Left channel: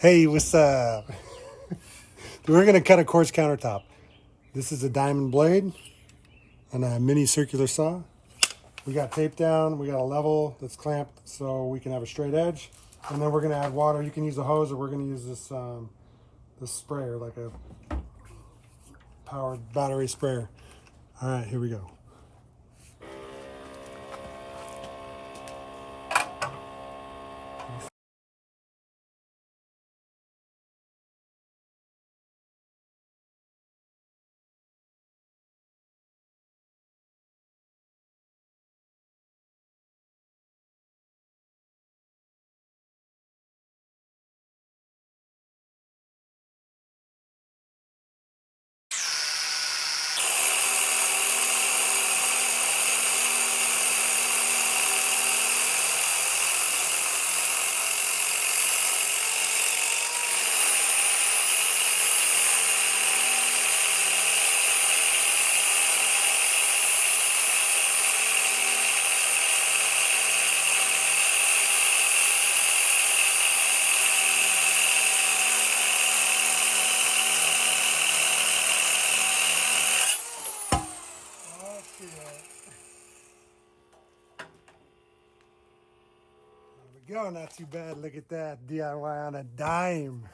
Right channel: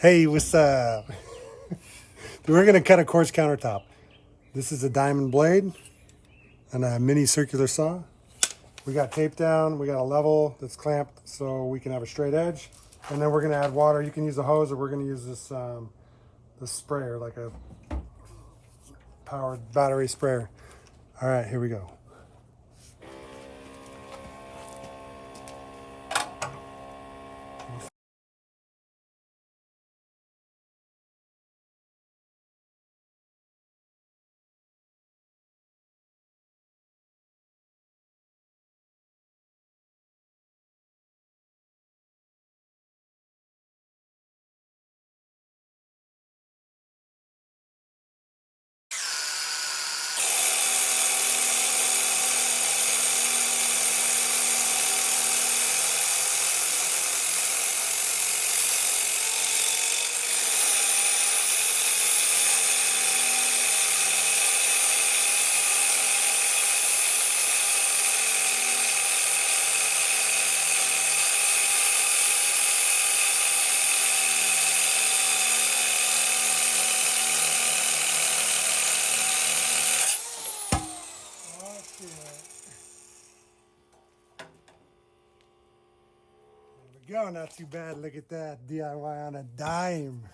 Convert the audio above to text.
Hey, what's up? We're gonna cut a quartz countertop. This is a diamond blade and a mini circular saw. We got tape down, we got a level that's clamped so we can have a straight edge. And then we're gonna add water. You can use a hose or we're gonna use this sprayer, like a powered battery sprayer. All right, here we go. There we go, not too bad. Look at that, DIY on a dime.